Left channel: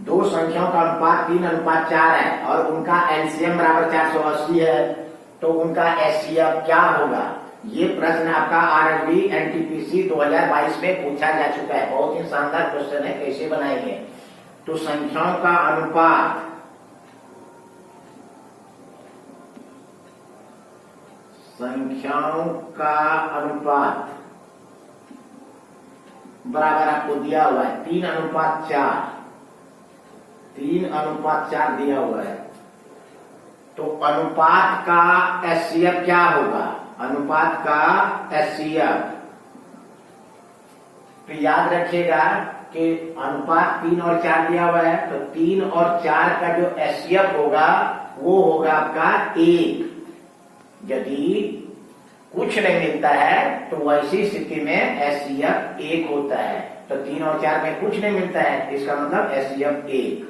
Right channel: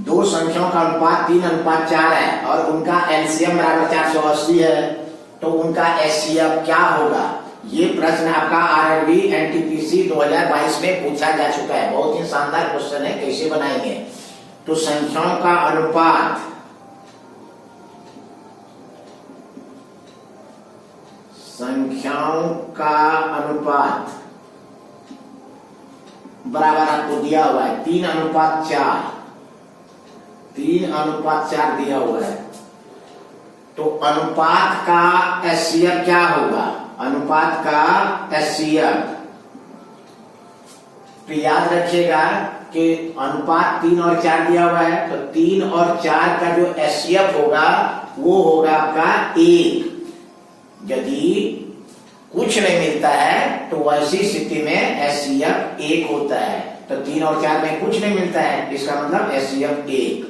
दो संख्याओं का अनुपात 3:4 है और उनका एलसीएम बराबर 480 है, तो उनका एचसीएफ क्या होगा? ये प्रश्न आपका आरआरबी एनटीपीसी 2022 में पूछा जा चुका है। बहुत ही शानदार क्वेश्चन है, कैसे बनाएंगे? तो संख्याओं का अनुपात बराबर आपको दिया हुआ है 3:4, 3:4 दिया हुआ है। तो अनुपात का एचसीएफ क्या होगा? अनुपात का एचसीएफ, तो याद रखिएगा कि अनुपात 3 और 4 दिया हुआ है, तो 3 और 4 का जो एचसीएफ होगा वो होगा आपका 1। यदि कुछ नहीं मिलता है तो वैसी स्थिति में एचसीएफ 1 होता है। तो 3 और 4 में कुछ नहीं मिलता है, इसका मतलब एचसीएफ 1।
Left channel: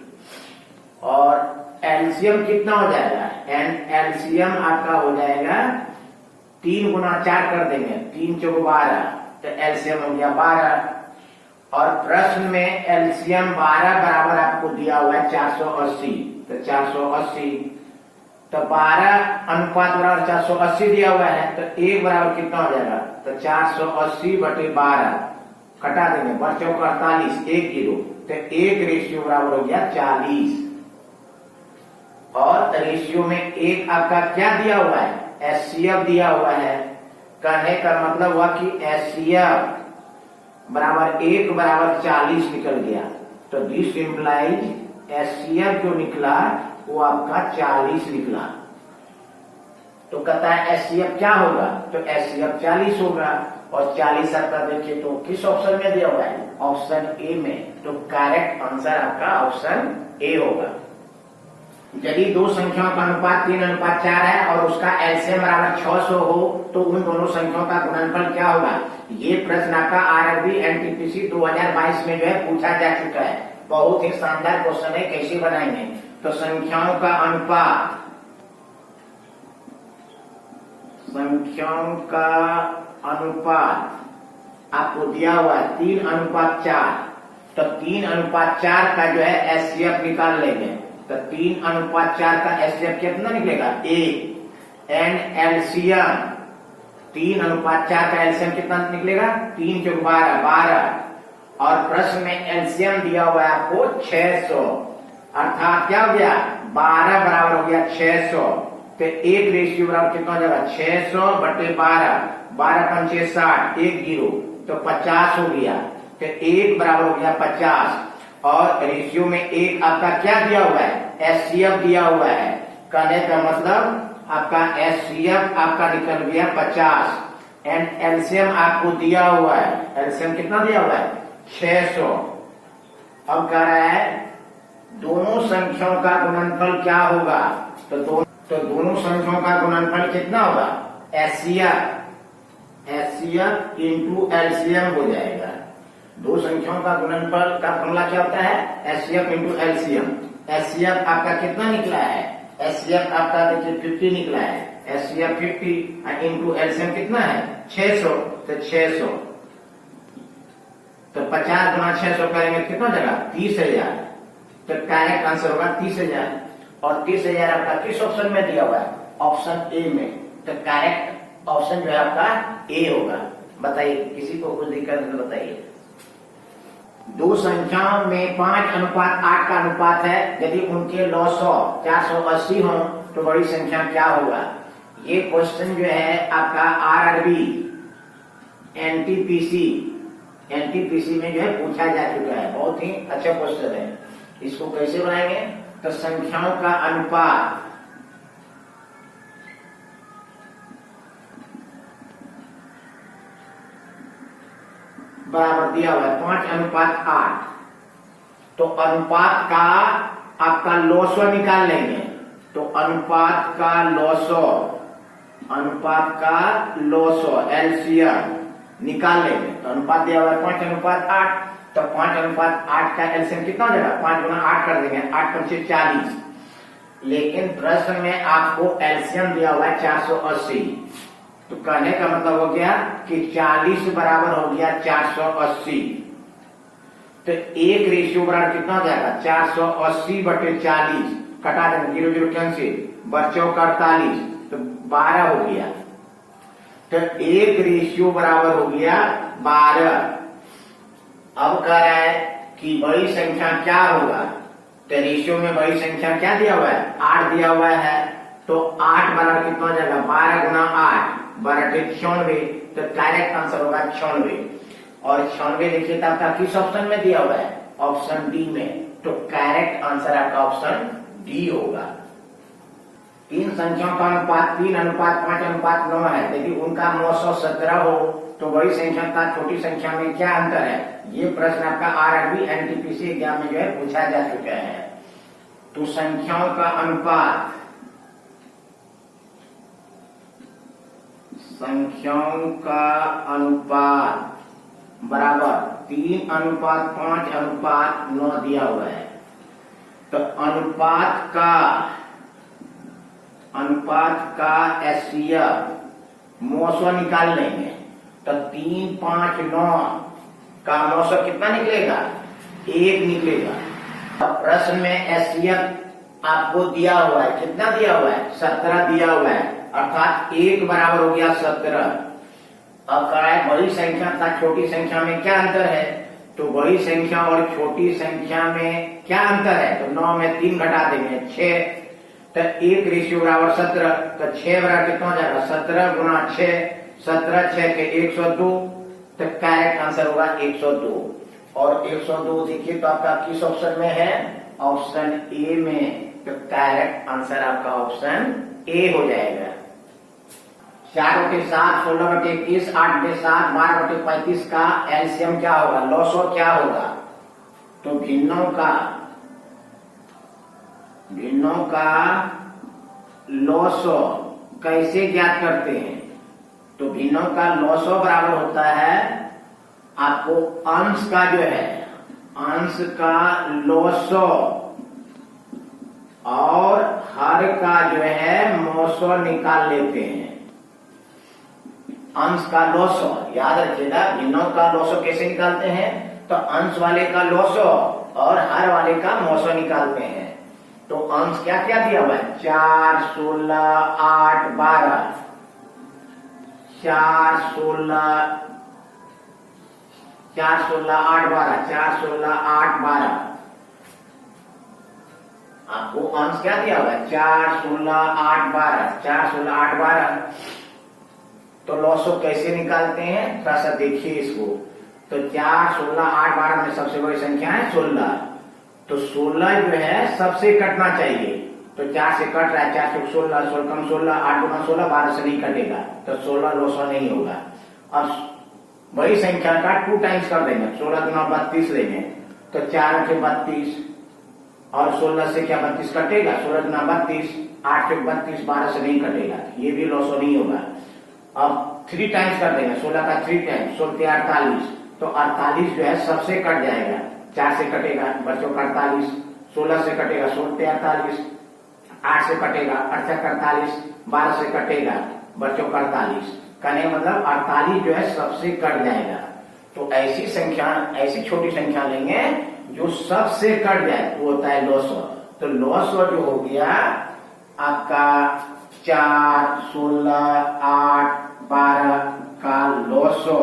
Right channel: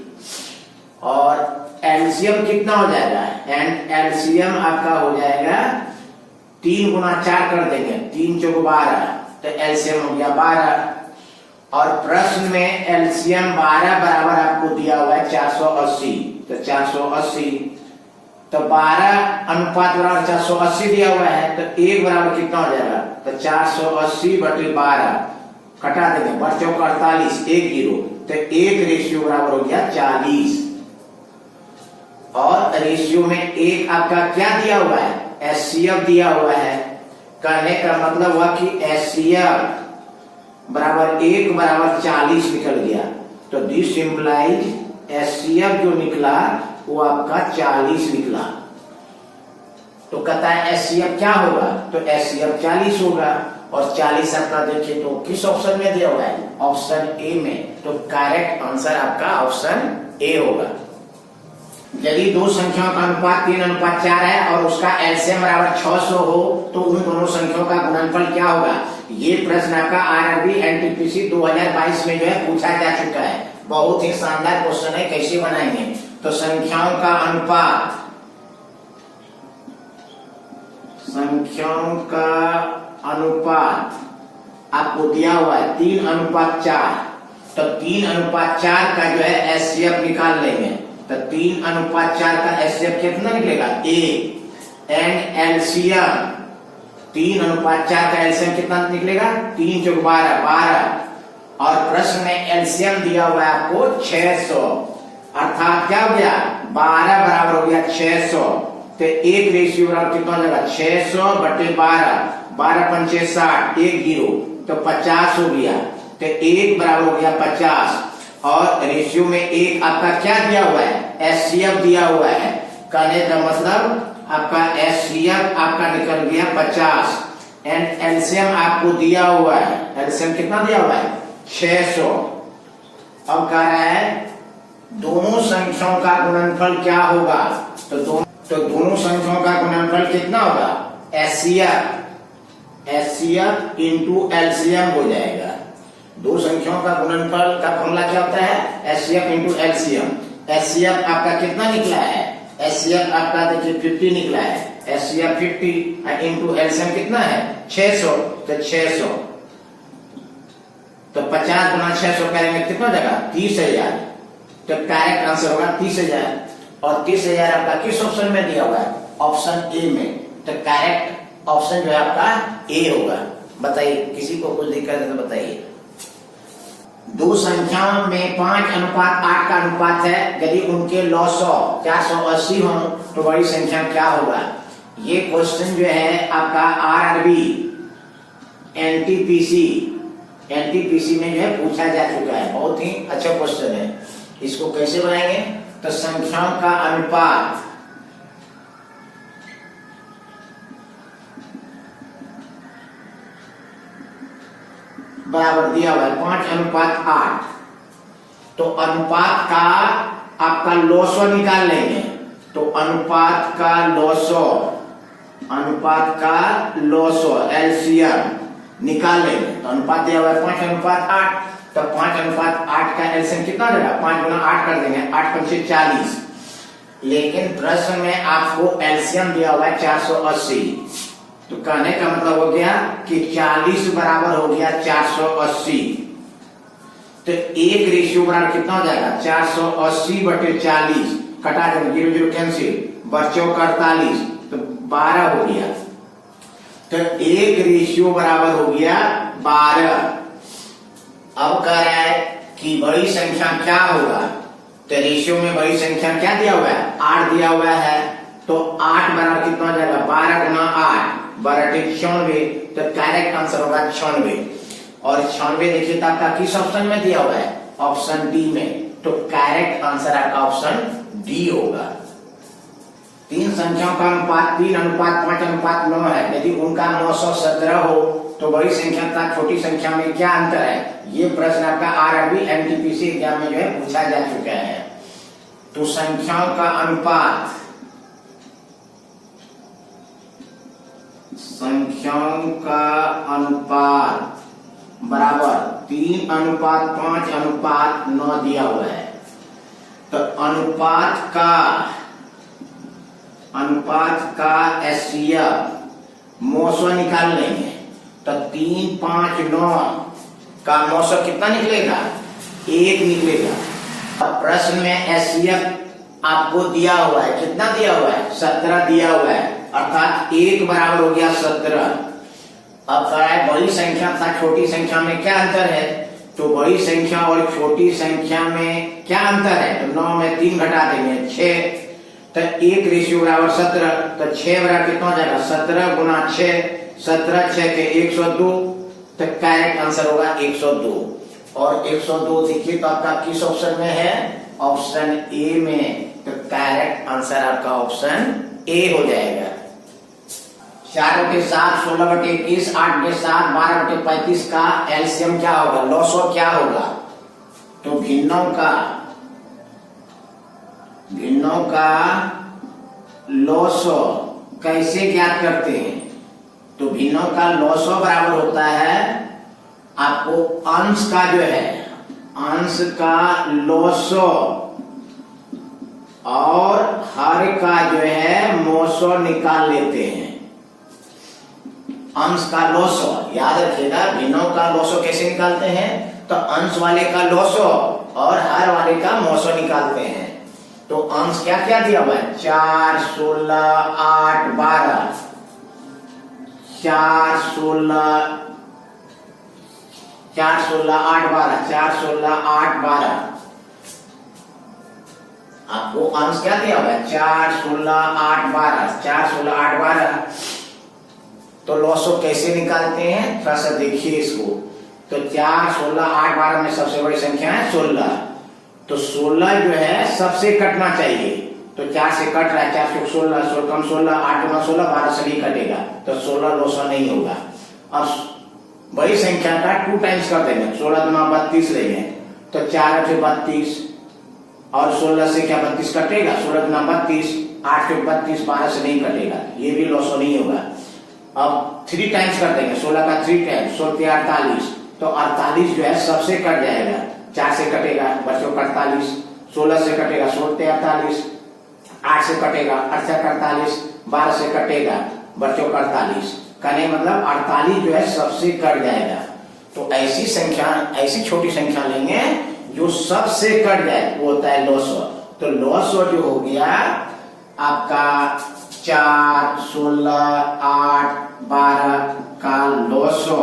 और एलसीएम कितना हो जाएगा? एंड एलसीएम आपका हो जाएगा 3 गुना 4 कर देंगे, 3 चौक 12, तो एलसीएम हो गया 12। और प्रश्न में एलसीएम 12 बराबर आपको दिया हुआ है 480, तो 480, तो 12 बराबर 480 दिया हुआ है, तो 1 बराबर कितना हो जाएगा? तो 480/12 कटा देंगे, 12 चौक 48, 1 0, तो 1 रेशियो बराबर हो गया 40। और रेशियो में 1 आपका क्या दिया हुआ है? एचसीएफ दिया हुआ है। कहने का मतलब हुआ कि एचसीएफ बराबर 1 बराबर 40 निकल गया। तो दिस इंप्लाइज एचसीएफ जो निकला वो आपका 40 निकला। तो कहता है एचसीएफ क्या होगा? तो एचसीएफ 40 होगा। और 40 आपका देखिए तो किस ऑप्शन में दिया हुआ है? ऑप्शन ए में। तो करेक्ट आंसर आपका ऑप्शन ए होगा। यदि दो संख्याओं का अनुपात 3:4 है और उसका एलसीएम बराबर 600 हो तो उन दोनों संख्याओं का गुणनफल क्या होगा? ये प्रश्न आपका आरआरबी एनटीपीसी 2022 में जो है पूछा जा चुका है। बहुत ही शानदार क्वेश्चन है, कैसे बनाएंगे? तो संख्याओं का अनुपात आपको दिया हुआ है 3:4, तो 3:4 का जो है एचसीएफ निकाल लेंगे। तो 3:4 का एचसीएफ कितना निकलेगा? 1। एंड एलसीएम 3:4 का एलसीएम कितना निकलेगा? 3 चौक 12, 12। और प्रश्न में एलसीएम दिया हुआ है आपको 600, अर्थात क्या हो गया? 12 बराबर हो गया 600, तो 1 रेशियो बराबर कितना हो जाएगा? 600/12, 12 पंचे 60, 1 0, तो 50 हो गया। तो 1 बराबर हो गया 50। और रेशियो में 1 आपका क्या दिया हुआ है? एचसीएफ दिया हुआ है। कहने का मतलब आपका एचसीएफ आपका निकल गया 50। एंड एलसीएम आपको दिया हुआ है, एलसीएम कितना दिया हुआ है? 600। अब कह रहा है दोनों संख्याओं का गुणनफल क्या होगा? तो दोनों संख्याओं का गुणनफल कितना होगा? एचसीएफ इंटू एलसीएम हो जाएगा। दो संख्याओं का गुणनफल का फॉर्मूला क्या होता है? HCF into LCM. एचसीएफ आपका कितना निकला है? एचसीएफ आपका देखिए 50 निकला है। एचसीएफ 50 इंटू एलसीएम कितना है? 600, तो 600, तो 50 गुना 600 करेंगे कितना हो जाएगा? 30,000। तो करेक्ट आंसर होगा 30,000। और 30,000 आपका किस ऑप्शन में दिया हुआ है? ऑप्शन ए में। तो करेक्ट ऑप्शन जो है आपका ए होगा। बताइए, किसी को कुछ दिक्कत है तो बताइए। दो संख्याओं में 5:8 का अनुपात है। यदि उनके लॉ 480 हो तो बड़ी संख्या क्या होगा? ये क्वेश्चन जो है आपका आरआरबी एनटीपीसी में जो है पूछा जा चुका है। बहुत ही अच्छा क्वेश्चन है। इसको कैसे बनाएंगे? तो संख्याओं का अनुपात बराबर दिया हुआ है 5:8। तो अनुपात का आपका लॉसो निकाल लेंगे। तो अनुपात का लॉसो एलसीएम निकाल लेंगे। तो अनुपात दिया हुआ है 5:8, तो 5:8 का एलसीएम कितना हो जाएगा? 5 गुना 8 कर देंगे, 8 पंचे 40। लेकिन प्रश्न में आपको एलसीएम दिया हुआ है 480। तो कहने का मतलब हो गया कि 40 बराबर हो गया 480। तो 1:4 कितना हो जाएगा? 480/40 कटा देंगे, 0 0 कैंसिल, बच्चों का 48, तो 12 हो गया। तो 1 बराबर हो गया 12। अब कह रहा है कि बड़ी संख्या क्या होगा? तो रेशियो में बड़ी संख्या क्या दिया हुआ है? 8 दिया हुआ है। तो 8 बराबर कितना हो जाएगा? 12 गुना 8, 12 96। तो करेक्ट आंसर होगा 96। और 96 देखिए तो आपका किस ऑप्शन में दिया हुआ है? ऑप्शन डी में। तो करेक्ट आंसर आपका ऑप्शन डी होगा। 3 संख्याओं का अनुपात 3:5:9 है। यदि उनका 917 हो तो बड़ी संख्या तथा छोटी संख्या में क्या अंतर है? ये प्रश्न आपका आरआरबी एनटीपीसी एग्जाम में जो है पूछा जा चुका है। तो संख्याओं का अनुपात बराबर 3:5:9 दिया हुआ है। तो अनुपात का एचसीएफ 900 निकाल लेंगे। तो 3, 5, 9 का 900 कितना निकलेगा? 1 निकलेगा। अब प्रश्न में एचसीएफ आपको दिया हुआ है, कितना दिया हुआ है? 17 दिया हुआ है, अर्थात 1 बराबर हो गया 17। अब कह रहा है बड़ी संख्या तथा छोटी संख्या में क्या अंतर है? तो बड़ी संख्या और छोटी संख्या में क्या अंतर है? तो 9 में 3 घटा देंगे 6। तो 1 बराबर 17। तो 6 बराबर कितना हो जाएगा? 17 गुना 6, 17 6 के 102। तो करेक्ट आंसर होगा 102। और 102 देखिए तो आपका किस ऑप्शन में है? ऑप्शन ए में। तो करेक्ट आंसर आपका ऑप्शन ए हो जाएगा। 4/7, 16/21, 8/7, 12/35 का एलसीएम क्या होगा? लॉसो क्या होगा? तो भिन्नों का लॉसो कैसे ज्ञात करते हैं? तो भिन्नों का लॉसो बराबर होता है आपको अंश का जो है, अंश का लॉसो और हर का जो है मोसो निकाल लेते हैं। अंश का लॉसो याद रखिएगा, भिन्नों का लॉसो कैसे निकालते हैं? तो अंश वाले का लॉसो और हर वाले का मोसो निकालते हैं। तो अंश क्या क्या दिया हुआ है? 4, 16, 8, 12। 4, 16, 8, 12, 4, 16, 8, 12। आपको अंश क्या दिया हुआ है? 4, 16, 8, 12, 4, 16, 8, 12। तो लॉसो कैसे निकालते हैं? थोड़ा सा देखिए इसको। तो 4, 16, 8, 12 में सबसे बड़ी संख्या है 16। तो 16 जो है सबसे कटना चाहिए। तो 4 से कट रहा है, 4 से 16, 16 कम 16, 8 गुना 16, 12 से नहीं कटेगा। तो 16 लॉसो नहीं होगा। अब बड़ी संख्या का 2 टाइम्स कर देंगे, 16 गुना 32 लेंगे। तो 4 से 32 और 16 से क्या 32 कटेगा? 16 गुना 32, 8 से 32, 12 से नहीं कटेगा, ये भी लॉसो नहीं होगा। अब 3 टाइम्स कर देंगे, 16 का 3 टाइम्स, 16 के 48। तो 48 जो है सबसे कट जाएगा। 4 से कटेगा बच्चों का 48, 16 से कटेगा 16 के 48, 8 से कटेगा 8 के 48, 12 से कटेगा बच्चों का 48। कहने मतलब 48 जो है सबसे कट जाएगा। तो ऐसी संख्या, ऐसी छोटी संख्या लेंगे जो सबसे कट जाए, वो होता है लॉसो। तो लॉसो जो हो गया आपका 4, 16, 8, 12 का लॉसो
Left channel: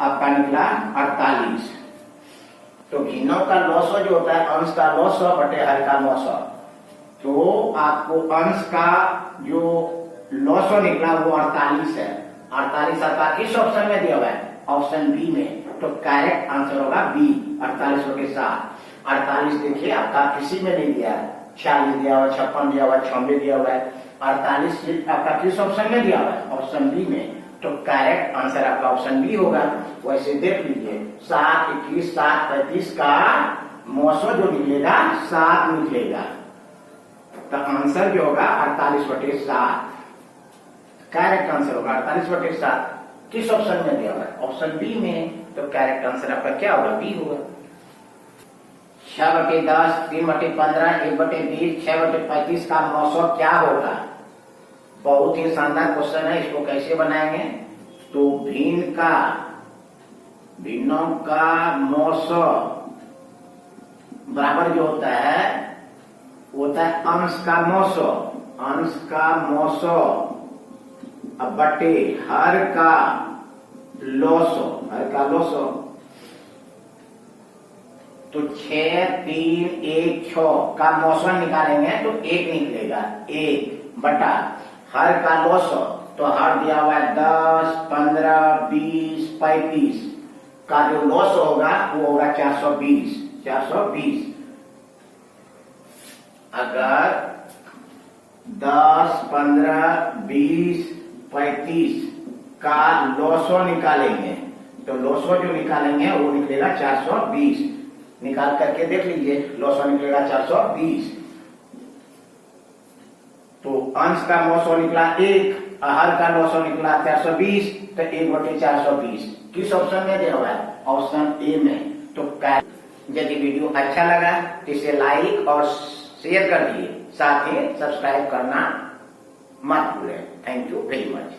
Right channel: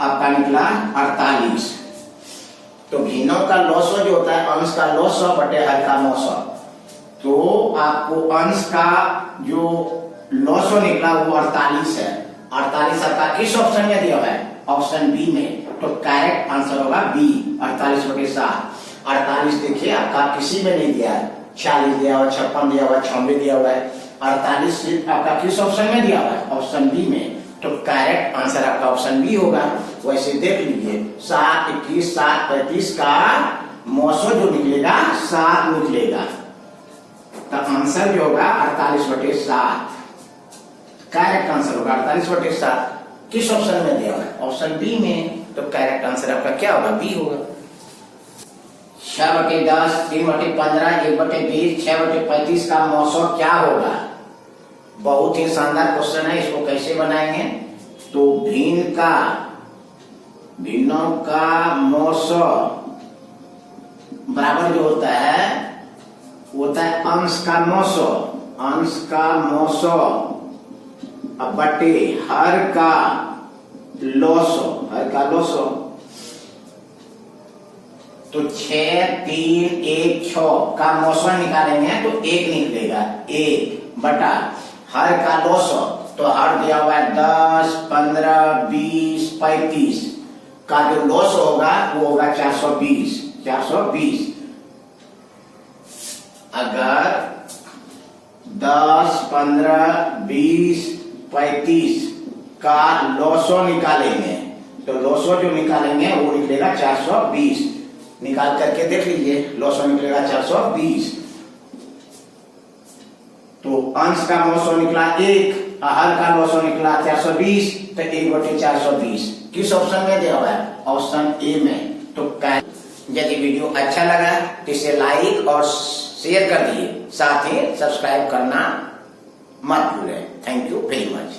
आपका निकला 48। तो भिन्नों का लॉसो जो होता है अंश का लॉसो बटे हर का लॉसो। तो आपको अंश का जो लॉसो निकला वो 48 है। 48 आपका किस ऑप्शन में दिया हुआ है? ऑप्शन बी में। तो करेक्ट आंसर होगा बी, 48/7। 48 देखिए आपका किसी में नहीं दिया है, 46 दिया हुआ, 56 दिया हुआ, 96 दिया हुआ है। 48 सिर्फ आपका किस ऑप्शन में दिया हुआ है? ऑप्शन बी में। तो करेक्ट आंसर आपका ऑप्शन बी होगा। वैसे देख लीजिए 7, 21, 7, 35 का मोसो जो निकलेगा 7 निकलेगा। तो आंसर जो होगा 48/7। करेक्ट आंसर होगा 48/7। किस ऑप्शन में दिया हुआ है? ऑप्शन बी में। तो करेक्ट आंसर आपका क्या होगा? बी होगा। 6/10, 3/15, 1/20, 6/35 का मोसो क्या होगा? बहुत ही शानदार क्वेश्चन है। इसको कैसे बनाएंगे? तो भिन्नों का मौसो बराबर जो होता है वो होता है अंश का 900, अंश का 900 अब बटे हर का लोसो, हर का लोसो। तो 6 3 1 6 का 900 निकालेंगे तो 1 निकलेगा, 1 बटा हर का लोसो, तो हर दिया हुआ है 10 15 20 35 का जो लॉस होगा वो होगा 420, 420। अगर 10 15 20 35 का लॉसो निकालेंगे तो लॉसो जो निकालेंगे वो निकलेगा 420, निकाल करके देख लीजिए, लॉसो निकलेगा 420। तो अंश का लॉसो निकला 1, हर का लॉसो निकला 420, तो 1 बटे 420 किस ऑप्शन में दिया हुआ है? ऑप्शन ए में। तो यदि वीडियो अच्छा लगा तो इसे लाइक और शेयर कर दिए, साथ ही सब्सक्राइब करना मत भूलें। Thank you very much.